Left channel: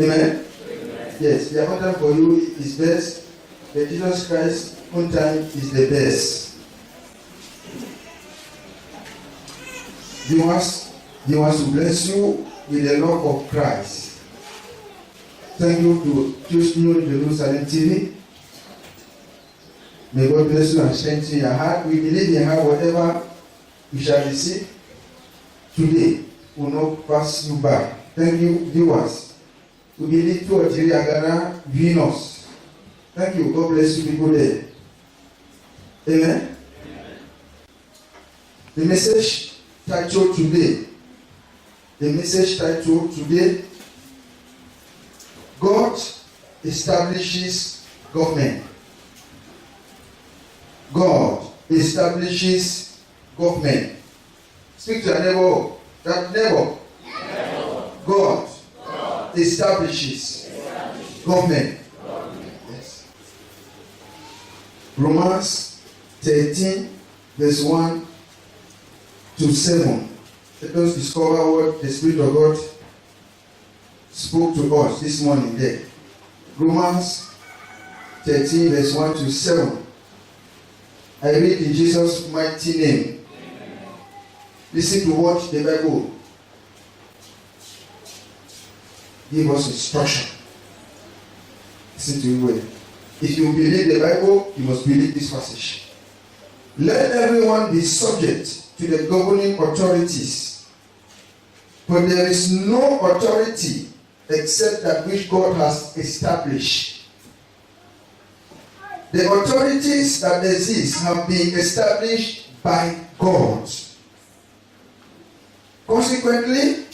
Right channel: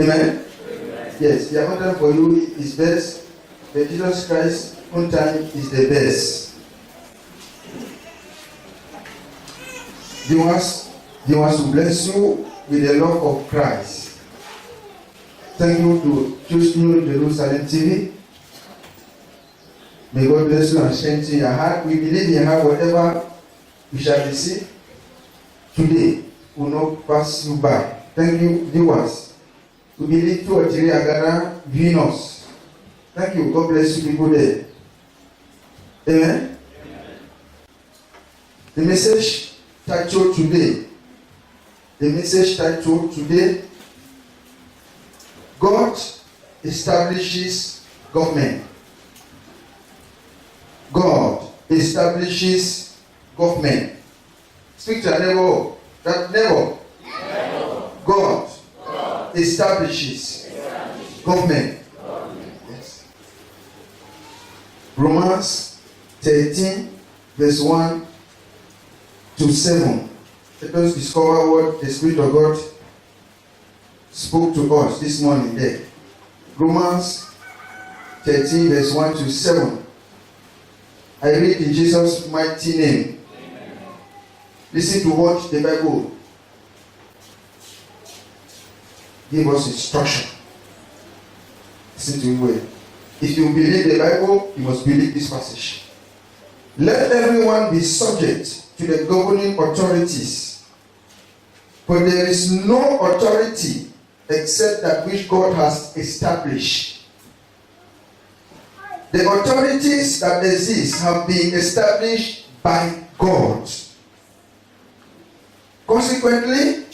Amen? Yes, the appointed time for you is best, but Jesus Christ's own time is the best. He wants to bless you with the love of Christ. Thank you to choose New Jerusalem TV. May God bless you and strengthen your heart. We believe in her whatever you shall receive today will not pass you by. Thank you, viewers. We believe 2 or 3 are gonna view us. Thank you. God bless you people there. Amen. The message titled today. God establishes government. God establishes government. Speak to your neighbor. That neighbor. God establishes government. Yes. Romans 13, verse 1 to 7. Let us discover what the Spirit of God spoke to us this morning there. Romans 13, verse 1 to 7. I read in Jesus' mighty name. Amen. Listen to what the Bible give us instruction. Listen to it well. If you believe the Bible, you must believe this passage. Let everyone be subject to the governing authorities, for there is no authority except that which God has established. The authorities that exist have been established by God. Consequently,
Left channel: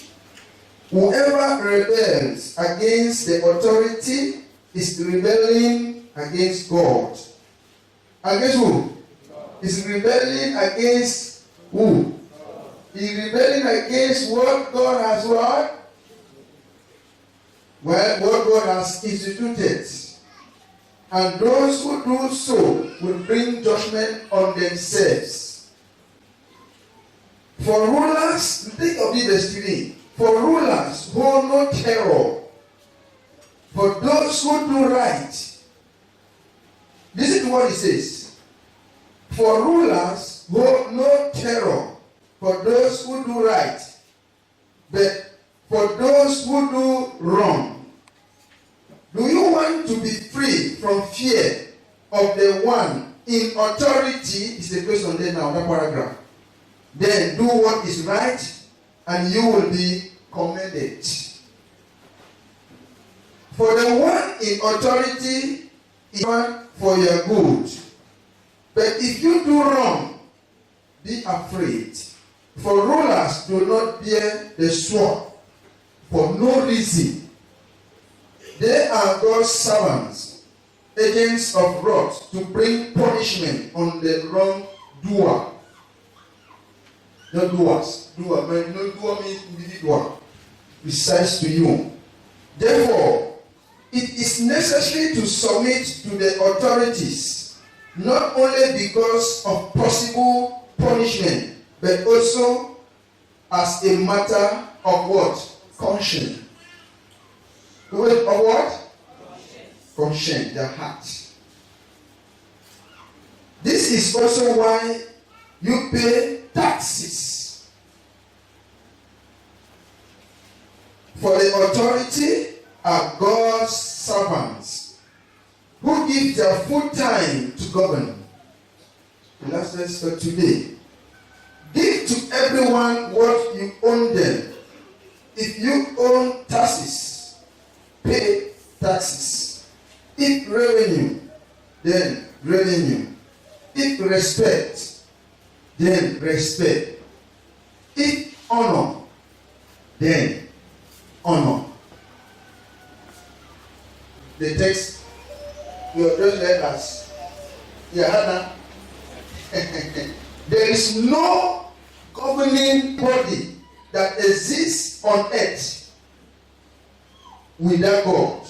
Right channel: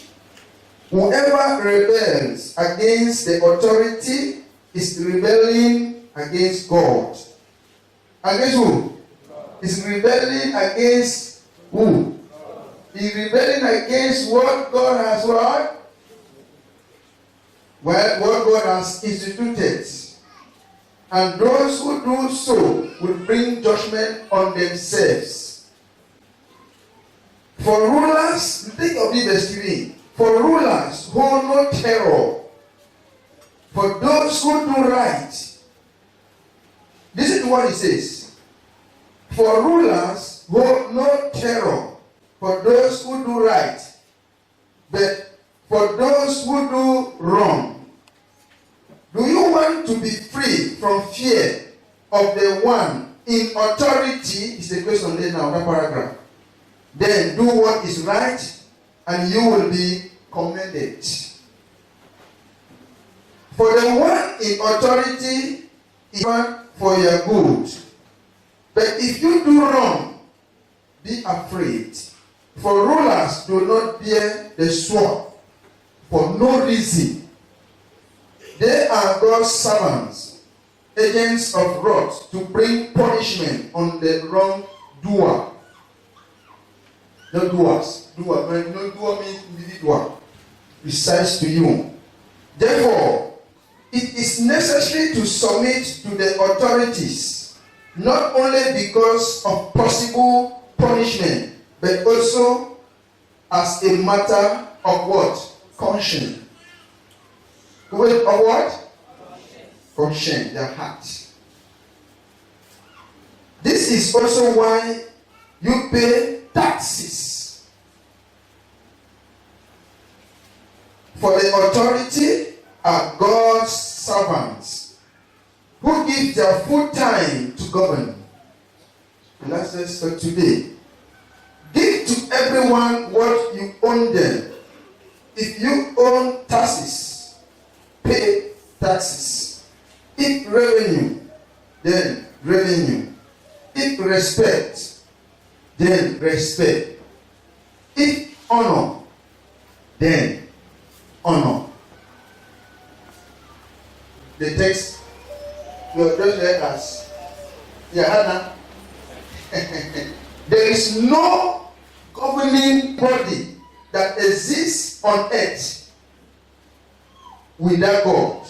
whoever rebels against the authority is rebelling against God. Against who? Is rebelling against who? Is rebelling against what God has what? Well, what God has instituted. And those who do so will bring judgment on themselves. For rulers, think of it verse 3. For rulers hold no terror. For those who do right. Listen to what it says. For rulers hold no terror. For those who do right. But for those who do wrong. Do you want to be free from fear of the one in authority? Is the question there now, that paragraph. Then do what is right, and you will be commended. For the one in authority is one for your good. But if you do wrong, be afraid. For rulers do not bear the sword for no reason. They are God's servants, agents of wrath, to bring punishment on the wrongdoer. Not doers. Doer. No doer means individual. Precise to you. Therefore, it is necessary to submit to the authorities, not only because of possible punishment, but also as a matter of what? Conscience. Of what? Conscience, their heart. This is also why you pay taxes. For the authority are God's servants who give their full time to govern. The last verse for today. Give to everyone what you own them. If you own taxes, pay taxes. If revenue, then revenue. If respect, then respect. If honor, then honor. The text you have just read us. Hannah. There is no governing body that exists on earth without God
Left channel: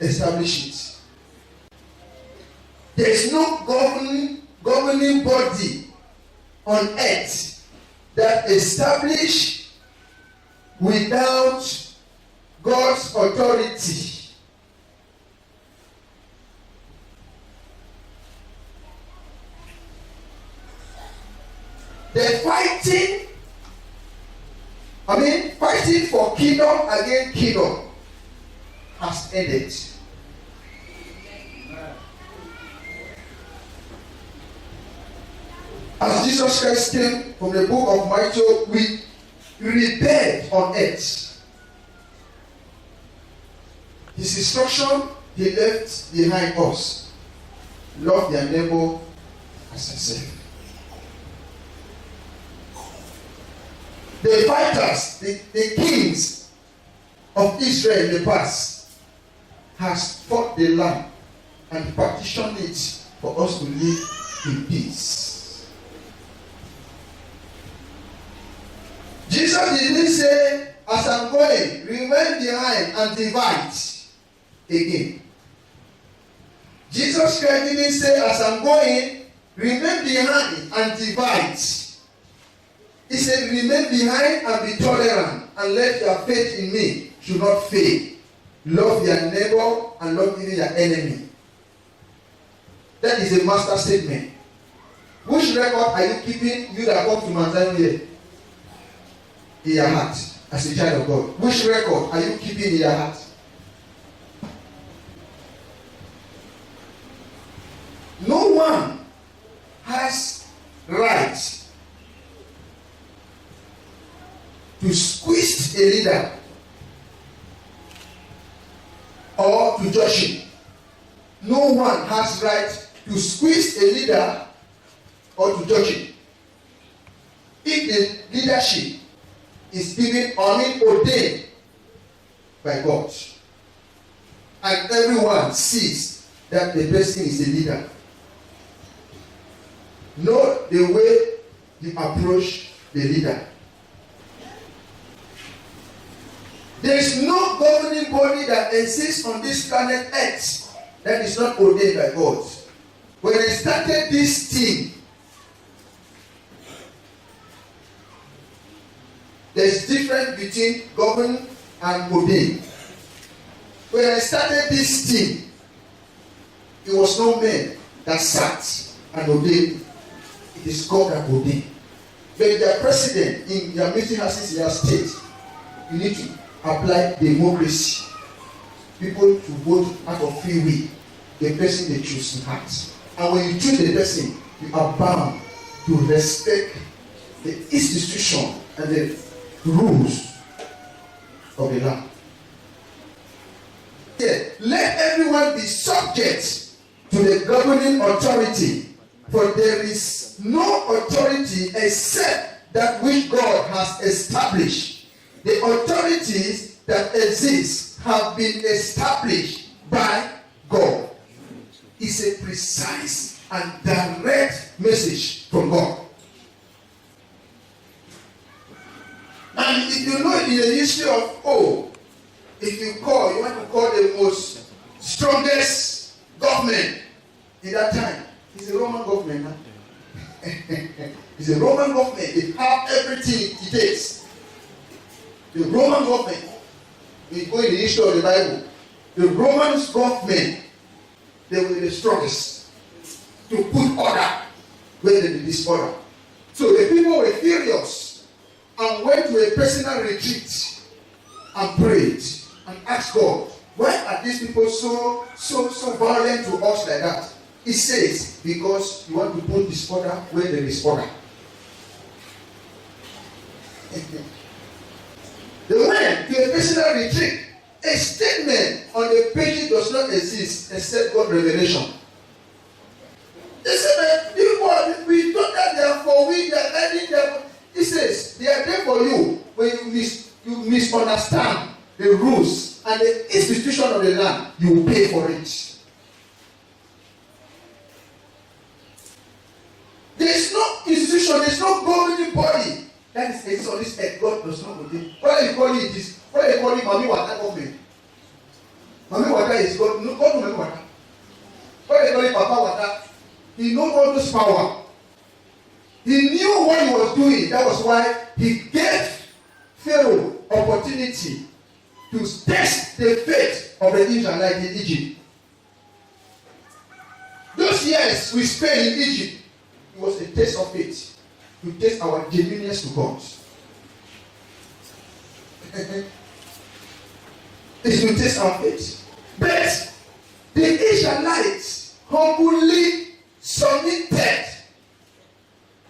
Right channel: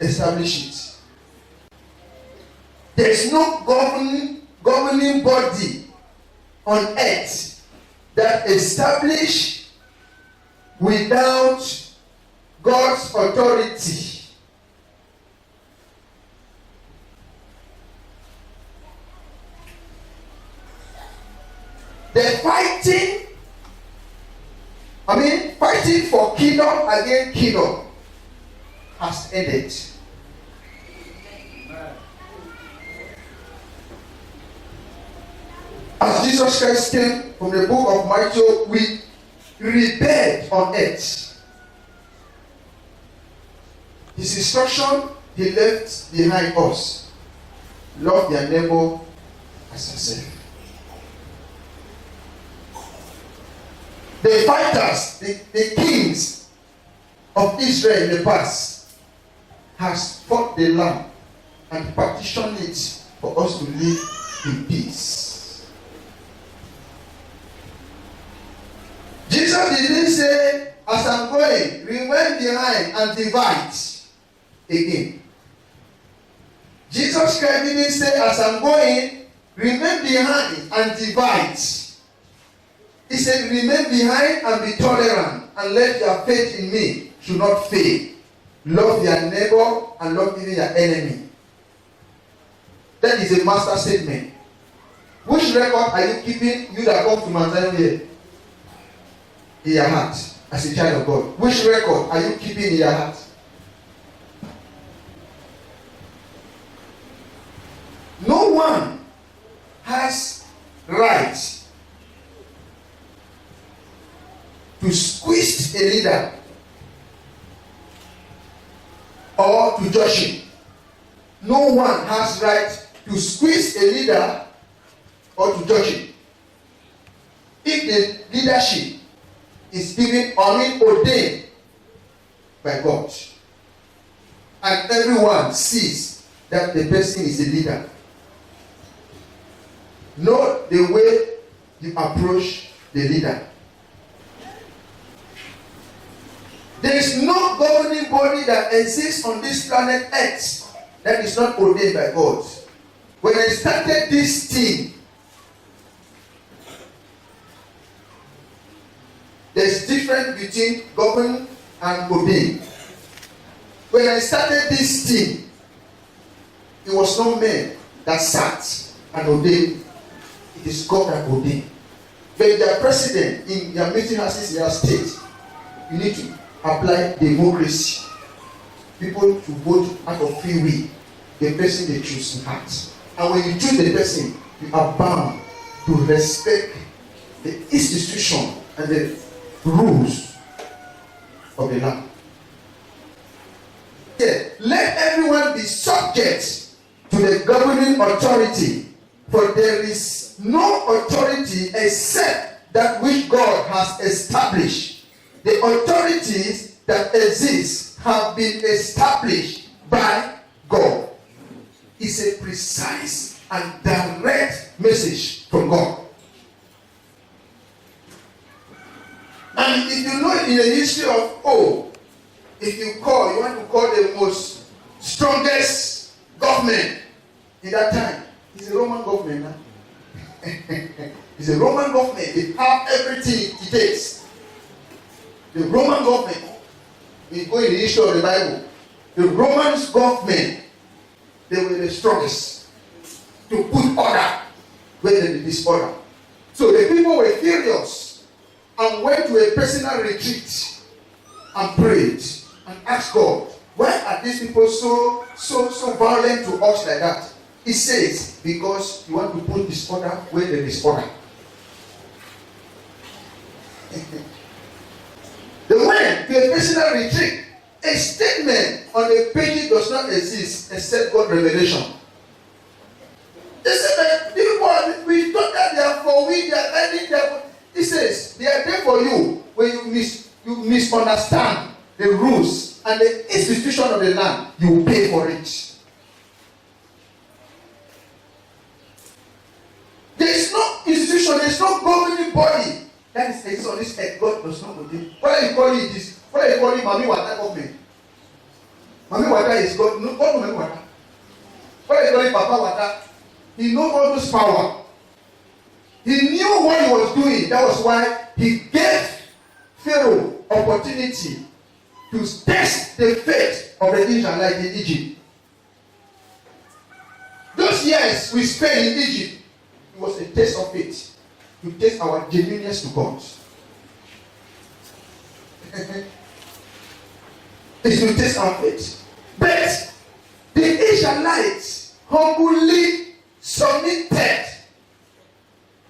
establish it. There is no governing body on earth that established without God's authority. The fighting for kingdom against kingdom has ended. As Jesus Christ came from the book of Matthew, we rebelled on earth. His instruction he left behind us. Love their neighbor as yourself. The fighters, the kings of Israel in the past has fought the land and partitioned it for us to live in peace. Jesus didn't say, as I'm going, remain behind and divide again. Jesus Christ didn't say, as I'm going, remain behind and divide. He said, remain behind and be tolerant, and let your faith in me should not fail. Love your neighbor and love even your enemy. That is a master statement. Which record are you keeping, you that come to Mount Zion here? In your heart, as a child of God. Which record are you keeping in your heart? No one has right to squeeze a leader or to judge him. No one has right to squeeze a leader or to judge him. If the leadership is given ordained by God, and everyone sees that the person is a leader, know the way you approach the leader. There is no governing body that exists on this planet Earth that is not ordained by God. When I started this thing, there's difference between govern and ordain. When I started this thing, it was no man that sat and ordained. It is God that ordained. When you are president in your meeting houses in your state, you need to apply democracy. People to vote out of free will. The person they choose in heart. And when you choose the person, you are bound to respect the institution and the rules of the land. Yeah. Let everyone be subject to the governing authority, for there is no authority except that which God has established. The authorities that exist have been established by God. It's a precise and direct message from God. And if you know in the history of if you want to call the most strongest government in that time, it's a Roman government now. It's a Roman government. They have everything it takes. The Roman government, we go in the history of the Bible, the Roman government, they were the strongest to put order where there is disorder. So the people were furious and went to a personal retreat and prayed and asked God, why are these people so violent to us like that? He says, because you want to put disorder where there is order. They went to a personal retreat. A statement on the page does not exist except God's revelation. They said, people, we thought that they are for we, they are learning them. He says, they are there for you when you misunderstand the rules and the institution of the land, you will pay for it. There is no institution, there is no governing body that is exists on this earth. God does not ordain. What are you calling it? This? What are you calling Mami Wata government? Mami Wata is God. No, God Mami Wata. What are you calling Papa Wata? He knows all this power. He knew what he was doing. That was why he gave Pharaoh opportunity to test the faith of the Israelites in Egypt. Those years we spent in Egypt, it was a test of faith, to test our genuineness to God. It's to test our faith. But the Israelites humbly submitted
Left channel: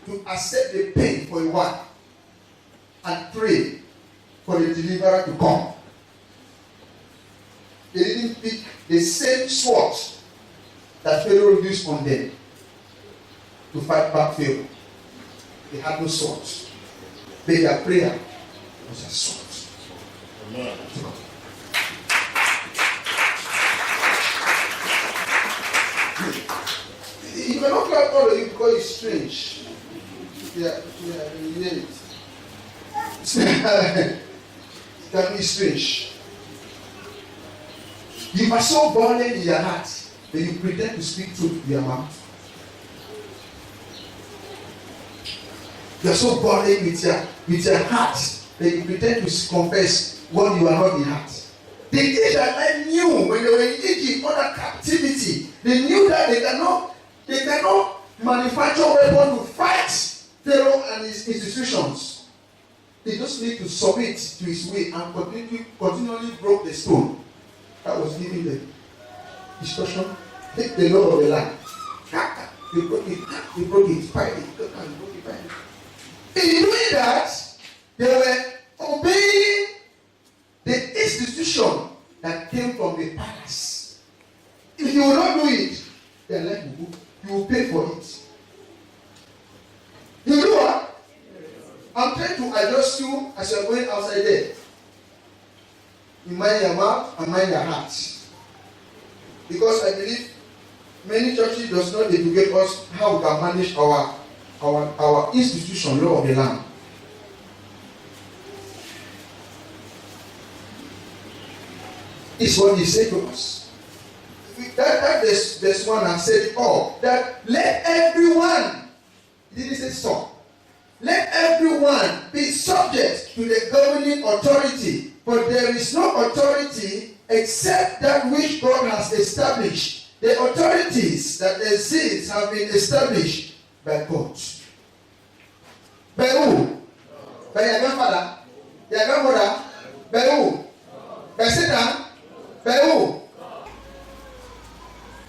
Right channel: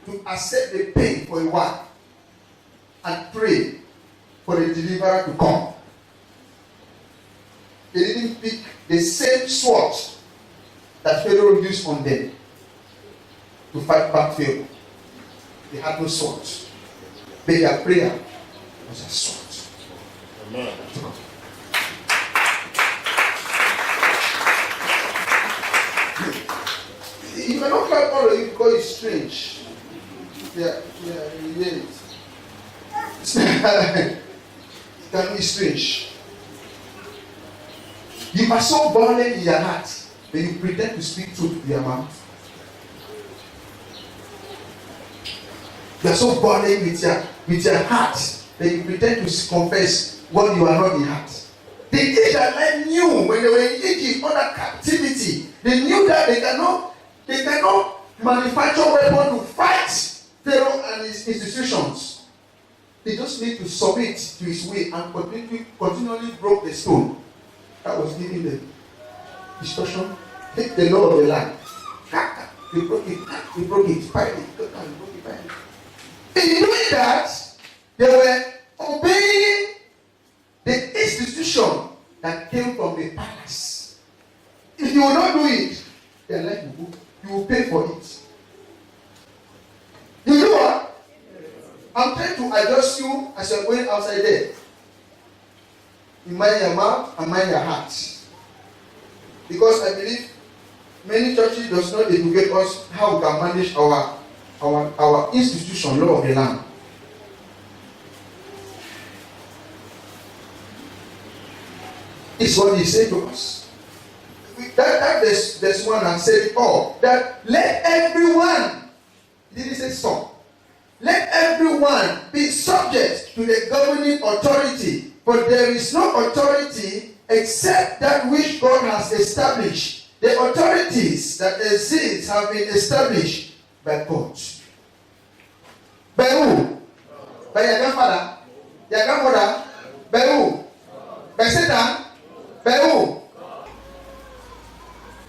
to accept the pain for a while and pray for the deliverer to come. They didn't pick the same sword that Pharaoh used on them to fight back Pharaoh. They had no sword. But their prayer was a sword. Amen. You cannot clap all of you because it's strange. Yeah, you hear it. It can be strange. You are so violent in your heart that you pretend to speak truth with your mouth. You are so violent with your heart that you pretend to confess what you are not in heart. The Israelites knew when they were in Egypt under captivity, they knew that they cannot manufacture weapons to fight Pharaoh and his institutions. They just need to submit to his way and continually broke the stone that was giving them instruction. Take the law of the land. They broke it, fight it, broke it, fight it. In doing that, they were obeying the institution that came from the palace. If you will not do it, their life will go. You will pay for it. You know what? I'm trying to adjust you as you're going outside there. You mind your mouth and mind your heart. Because I believe many churches does not educate us how we can manage our institution, law of the land. It's what he said to us. That there's one and said it all. That let everyone, he didn't say some, let everyone be subject to the governing authority, for there is no authority except that which God has established. The authorities that exist have been established by God. By who? By your grandfather? Your grandmother? By who? By Satan? By who?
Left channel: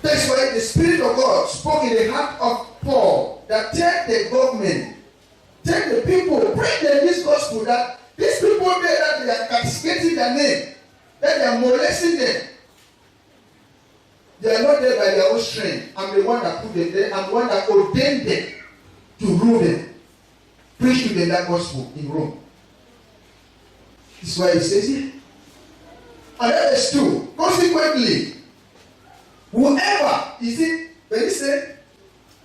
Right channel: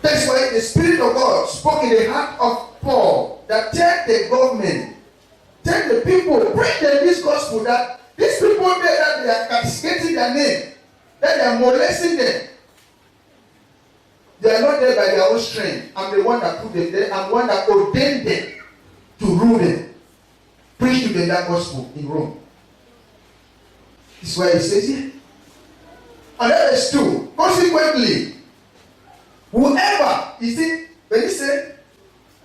That's why the Spirit of God spoke in the heart of Paul that tell the government, tell the people, bring them this gospel that these people there that they are castigating their name, that they are molesting them. They are not there by their own strength. I'm the one that put them there. I'm the one that ordained them to rule them. Preach to them that gospel in Rome. This is why he says here. And that is true. Consequently, whoever, you see, when he said,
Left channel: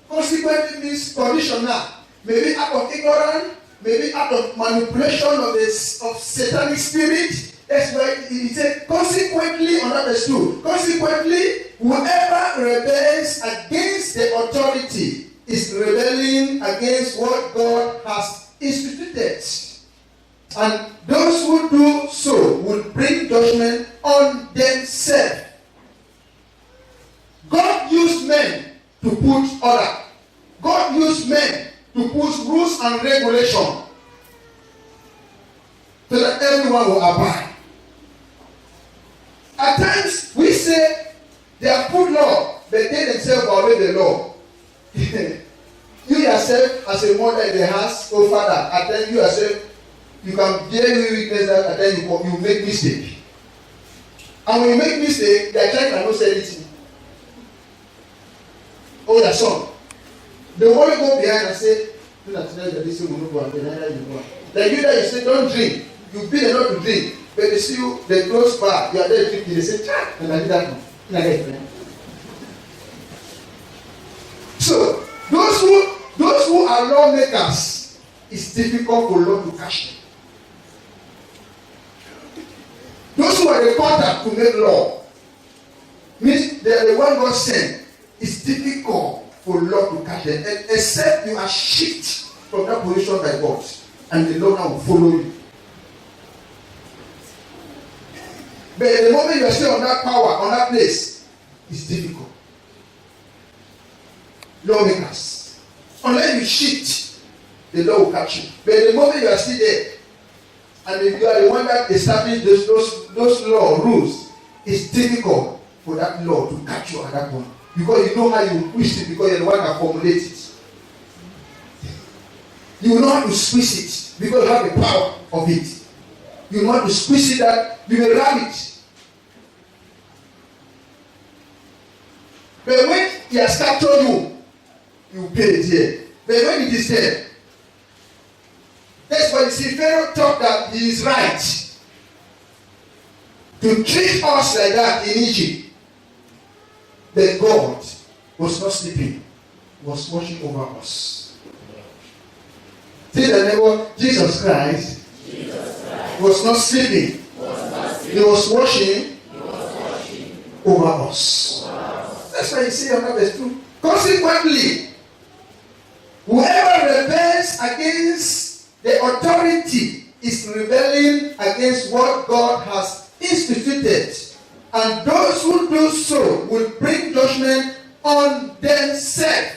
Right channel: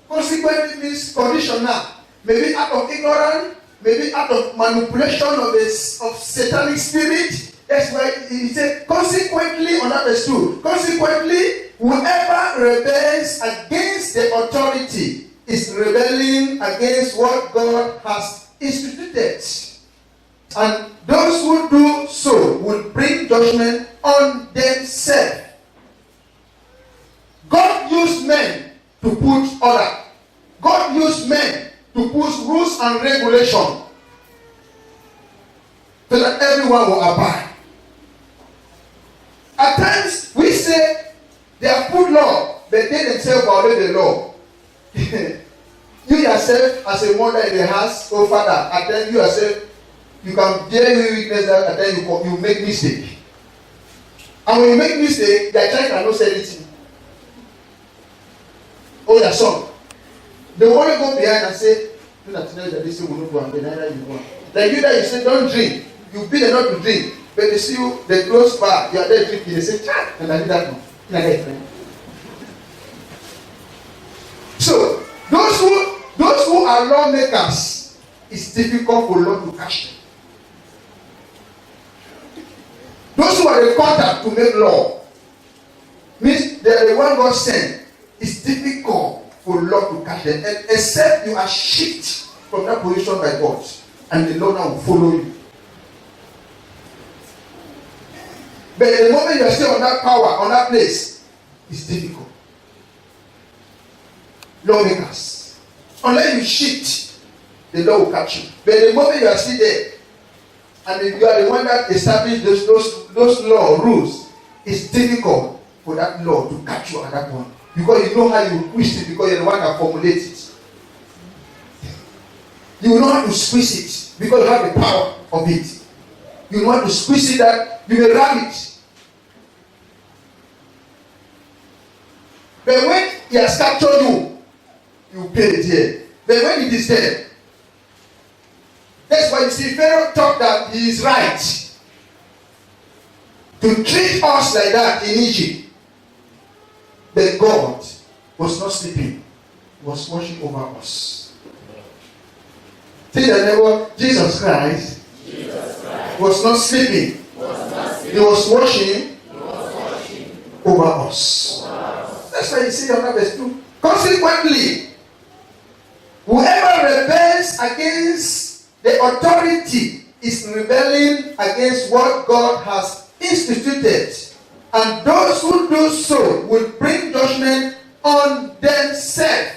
consequently means conditional, maybe out of ignorance, maybe out of manipulation of satanic spirit. That's why he said, consequently, understood. Consequently, whoever rebels against the authority is rebelling against what God has instituted. And those who do so will bring judgment on themselves. God used men to put order. God used men to put rules and regulations so that everyone will abide. At times we say they have put law, but they themselves violate the law. You yourself, as a mother in the house, or father, at times you yourself, you can bear witness that at times you make mistake. And when you make mistake, your child cannot say anything. Oh, your son. They want to go behind and say, do not tell that this will not go and neither you go. Like you that you say, don't drink. You beat them not to drink. But they see you, they close bar, you are there drinking, they say, child, and I do that one. So, those who are lawmakers, it's difficult for law to catch them. Those who are the contact to make law, means they are the one God sent. It's difficult for law to catch them, except you are shifted from that position by God, and the law now will follow you. But the moment you are still on that power, on that place, it's difficult. Lawmakers, unless you shift, the law will catch you. But the moment you are still there, and if you are the one that established those law rules, it's difficult for that law to catch you at that point. Because you know how you twist it, because you're the one that formulates it. You know how to squeeze it, because you have the power of it. You know how to squeeze it that you will ram it. But when he has captured you, you pay it here. But when it is there, that's why you see Pharaoh thought that he is right to treat us like that in Egypt. But God was not sleeping, he was watching over us. See the neighbor, Jesus Christ was not sleeping, he was watching over us. That's why you see on verse 2. Consequently, whoever rebels against the authority is rebelling against what God has instituted, and those who do so will bring judgment on themselves.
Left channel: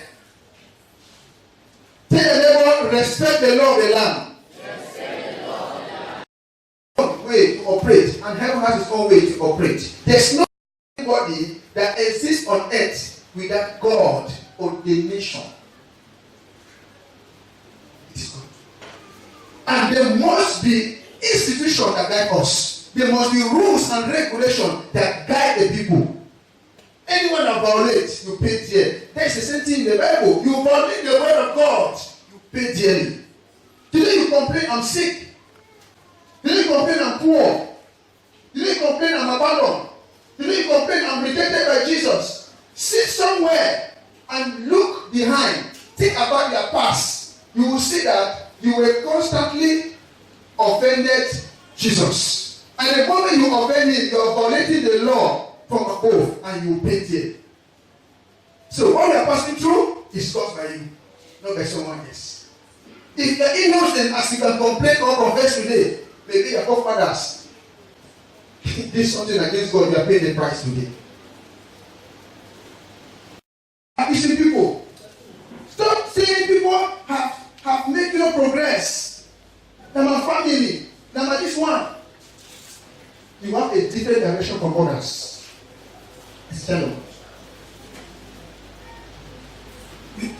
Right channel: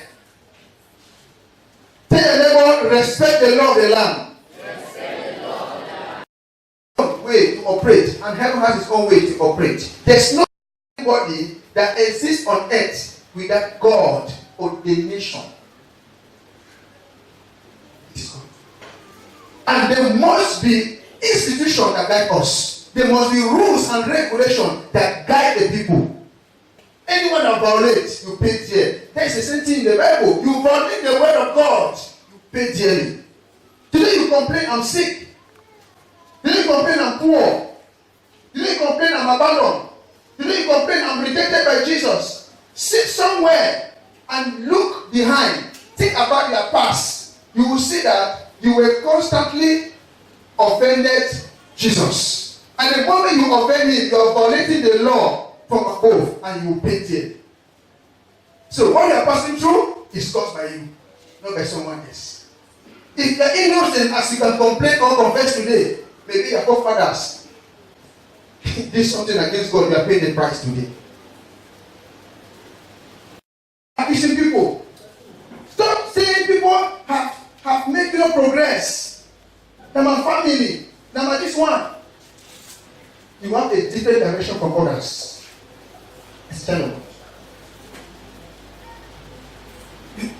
Tell your neighbor, respect the law of the land. Way to operate, and heaven has its own way to operate. There's no anybody that exists on earth without God ordination. It is God. And there must be institutions that guide us. There must be rules and regulations that guide the people. Anyone that violates, you pay dearly. There is the same thing in the Bible. You violate the word of God, you pay dearly. Today you complain, I'm sick. Today you complain, I'm poor. Today you complain, I'm abandoned. Today you complain, I'm rejected by Jesus. Sit somewhere and look behind. Think about your past. You will see that you were constantly offended Jesus. And the moment you offend him, you are violating the law from above, and you will pay it. So what you are passing through is caused by you, not by someone else. If you are innocent, as you can complain or confess today, maybe your forefathers did something against God, you are paying the price today. Appreciate people. Stop saying people have made no progress. Now my family, now my this one. You have a different direction from others. It's terrible.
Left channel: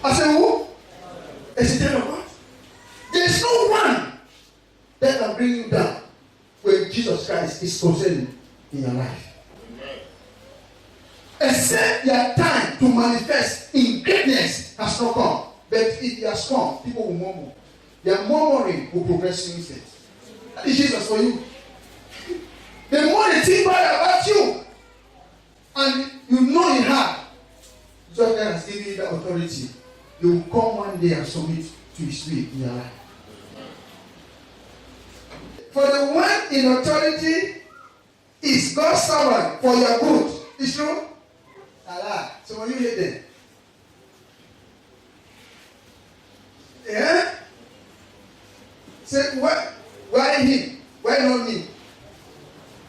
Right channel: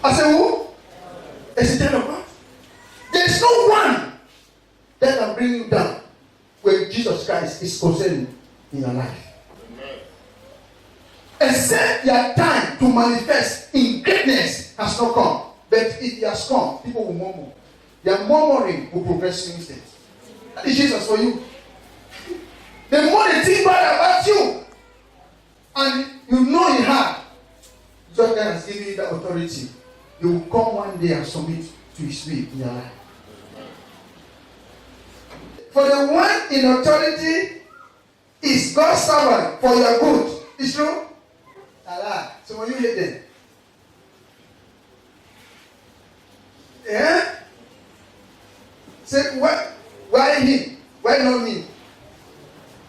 I say who? It's terrible. There's no one that can bring you down when Jesus Christ is concerned in your life. Except your time to manifest in greatness has not come. But if he has come, people will murmur. Their murmuring will progress you instead. That is Jesus for you. The more they think bad about you, and you know in heart, God has given you that authority, you will come one day and submit to his will in your life. For the one in authority is God's servant for your good. It's true? Allah. So when you hear them, yeah? Say, why him? Why not me?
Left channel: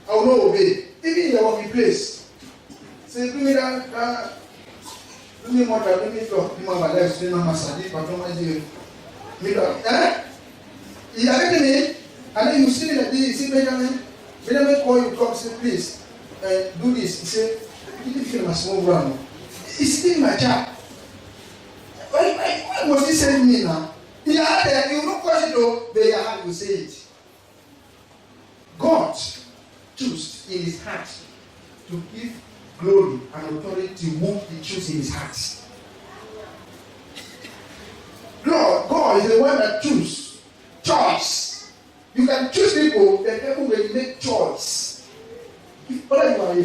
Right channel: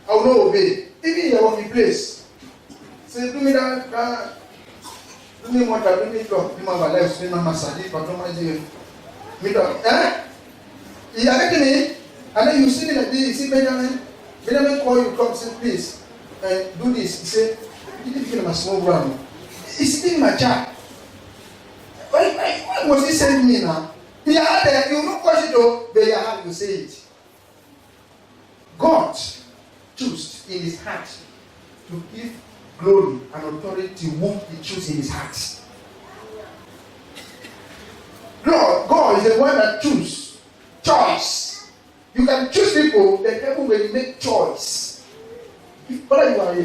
I will not obey. Even in your working place. Say, do me that, do me water, do me talk, do my life, do my massage, but don't mind you. Me talk, eh? You are making me, and then you see me like this, you see Benjamin call you, come, say, please, do this. He say, you didn't feel my small ground. He's still my child. Why was he sending me now? He had there, you don't question it though, but you have to say it. God chose in his heart to give glory and authority to whom he chose in his heart. God is the one that chooses. Choice. You can choose people, but heaven will make choice. If whether you are a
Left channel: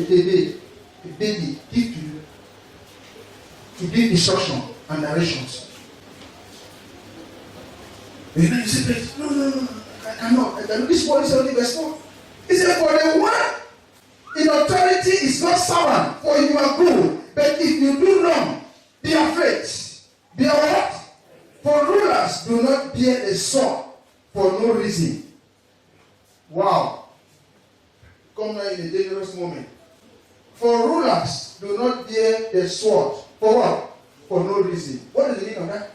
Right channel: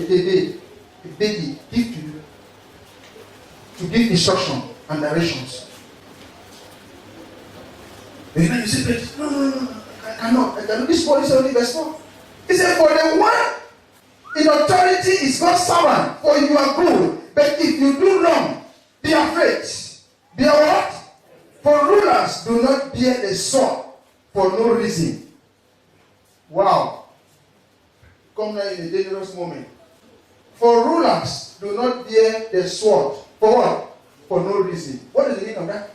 baby, give to you to give instruction and directions. And then you say, no, I cannot. This boy is only verse 4. He said, for the one in authority is God's servant for your good. But if you do wrong, be afraid. Be what? For rulers do not bear a sword for no reason. Wow. come now in a dangerous moment. For rulers do not bear the sword. For what? For no reason. What is the meaning of that?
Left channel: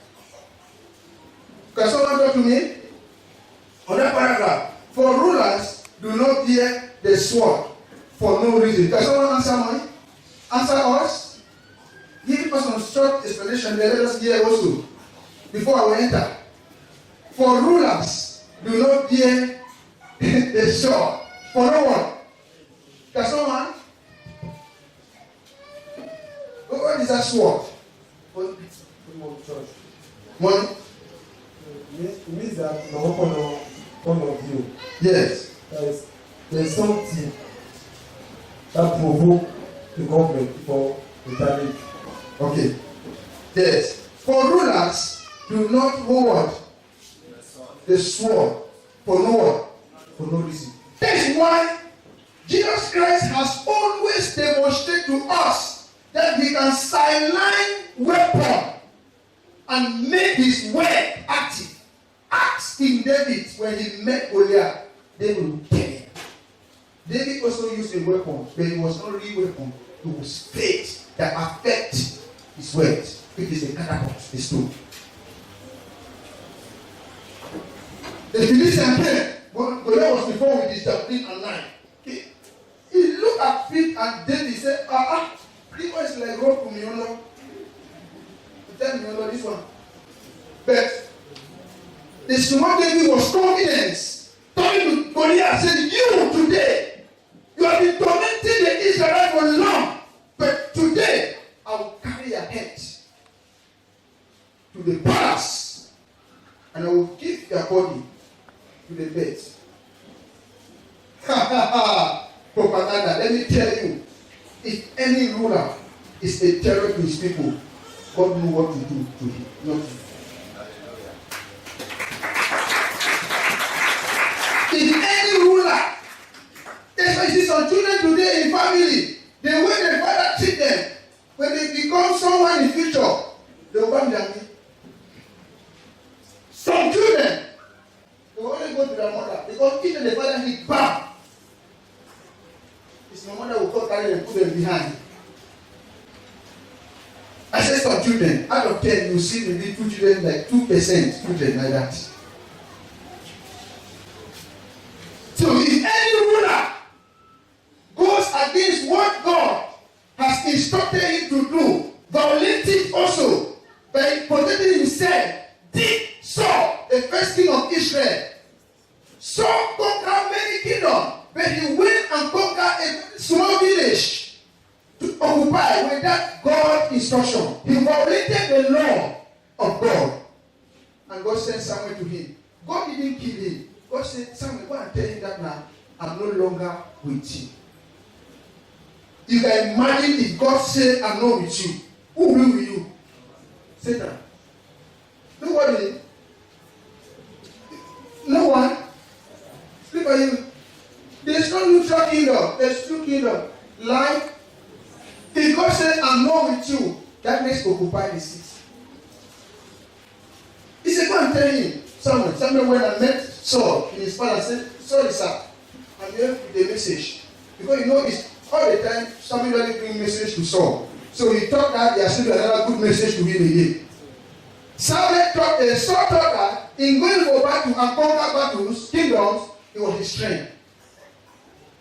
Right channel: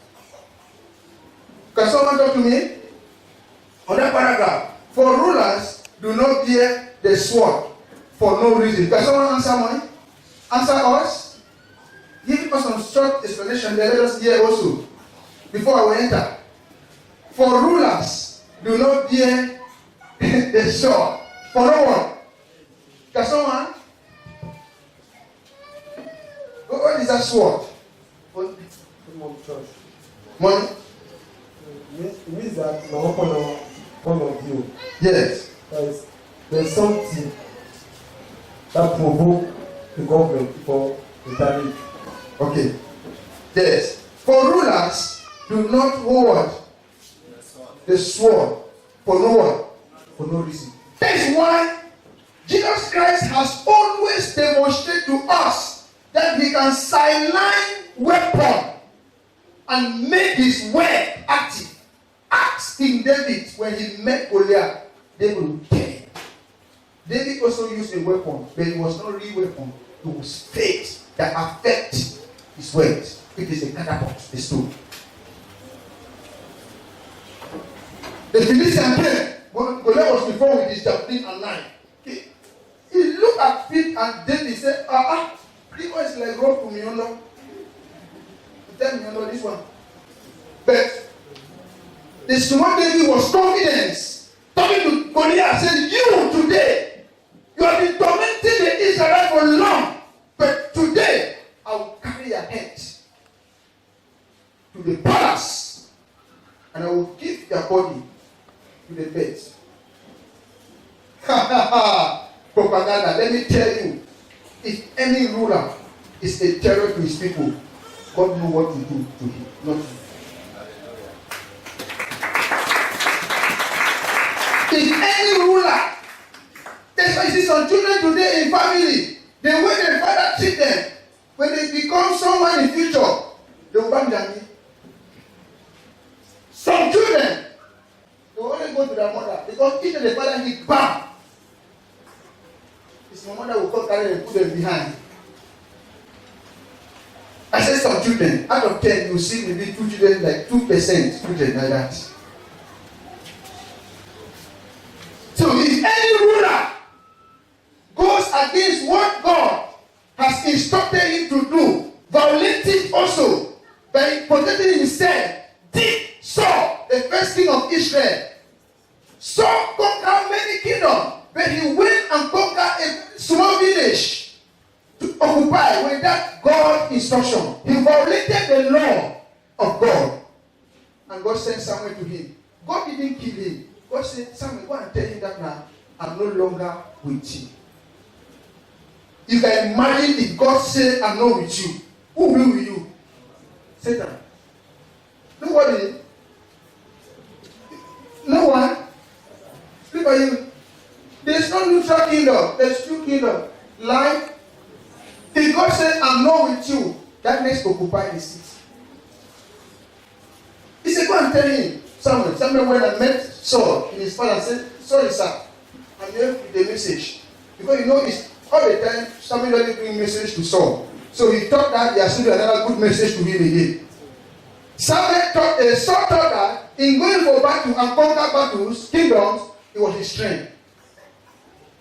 Can someone talk to me? On that paragraph. For rulers do not bear the sword for no reason. Can someone answer me? Answer us? Give us some short explanation. Then let us hear also. Before we enter. For rulers do not bear the sword for no one. Can someone? What is that sword? Money? It means that in our point of view, Yes. There's something that provoke the government for retaliate. Okay. Yes. For rulers do not hold the sword for no one. For no reason. That's why Jesus Christ has always demonstrated to us that he can sideline weapon and make his word active. Ask King David when he met Goliath, they will kill him. David also used a weapon, but it was not a real weapon. It was faith that affect his words. It is a catapult, a stone. The Philistine came. Goliath was before with his javelin and knife. He looked at feet and David said, this one is like rope to me, you know. Tell me, you know, this one. But the small David was confident. Talking to Goliath, said, you today, you have been tormenting the Israelites for long. But today, I will carry your head to the palace. And I will give your body to the bed. Propaganda. Let me tell you, if any ruler is a terror to his people, God knows what to do to him. Not to. If any ruler, that's why you see some children today in family, the way their father treat them, when they become someone in future, they will bang their knee. Some children, they will only go to their mother because if the father hit bam, his mother will come carry them and put them behind. I said some children, out of 10, you see maybe 2 children, like 2% children like that. So if any ruler goes against what God has instructed him to do, violating also by protecting himself, did Saul, the first king of Israel. Saul conquered many kingdoms, but he went and conquered a small village to occupy without God's instruction. He violated the law of God. And God sent Samuel to him. God didn't kill him. God said, Samuel, go and tell him that now I'm no longer with you. You can imagine if God said, I'm not with you. Who will be with you? Satan. Nobody. No one. Look at you. There's no neutral kingdom. There's two kingdoms. Life. If God said, I'm not with you, darkness occupy the city. He said, go and tell him. Samuel went and met Saul in his palace and said, sorry, sir, I'm here with the message. Because you know, it's all the time, Samuel doesn't bring message to Saul. So he thought that there should be another good message to him again. Saul thought that in going for battle and conquer battles, kingdoms, it was his strength.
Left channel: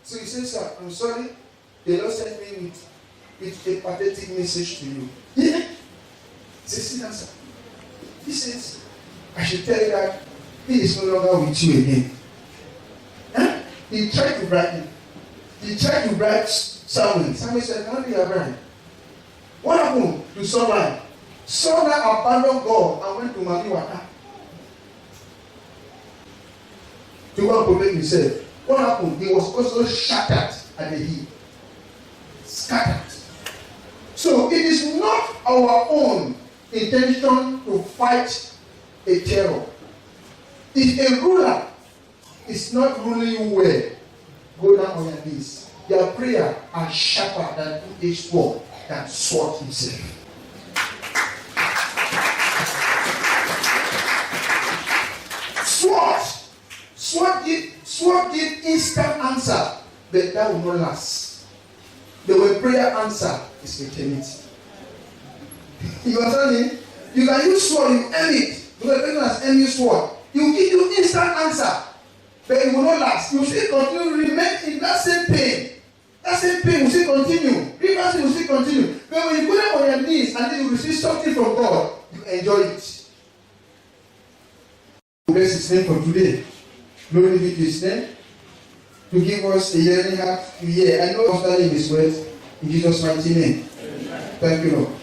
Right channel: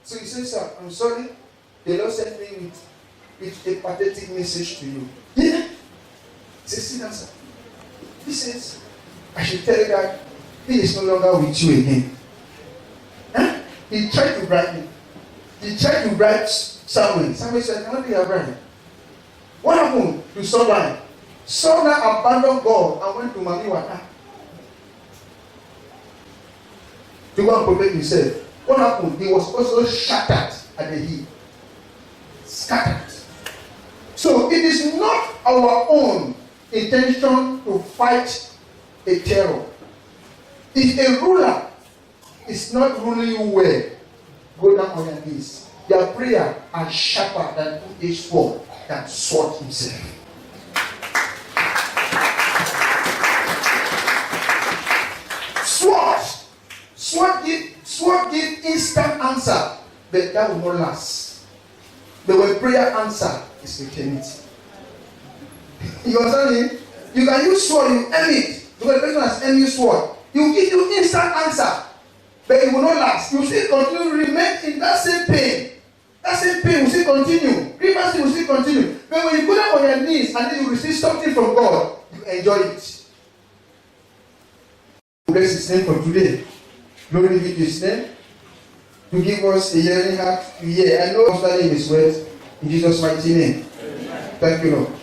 So he said, sir, I'm sorry, the Lord sent me with a pathetic message to you. Yeah. He says, sit down, sir. He says, I should tell you that he is no longer with you again. Huh? He tried to bribe him. He tried to bribe Samuel. Samuel said, how do you bribe? What happened to Saul? Saul now abandoned God and went to Mamiwata to go and protect himself. What happened? He was also shattered at the heel. Scattered. So it is not our own intention to fight a terror. If a ruler is not ruling you well, go down on your knees. Their prayer are sharper than two-edged sword than sword himself. Sword give instant answer. but that will not last. But when prayer answer is eternity. You understand me? You can use sword, you aim it. Because the person has aimed you sword. You give you instant answer. But it will not last. You still continue to remain in that same pain. That same pain will still continue. Rivers will still continue. But when you go down on your knees and then you receive something from God, you enjoy it. Bless His name for today. Glory be to His name. To give us a hearing heart to hear. I know I'm studying His words in Jesus' mighty name. Amen. Thank you, Lord.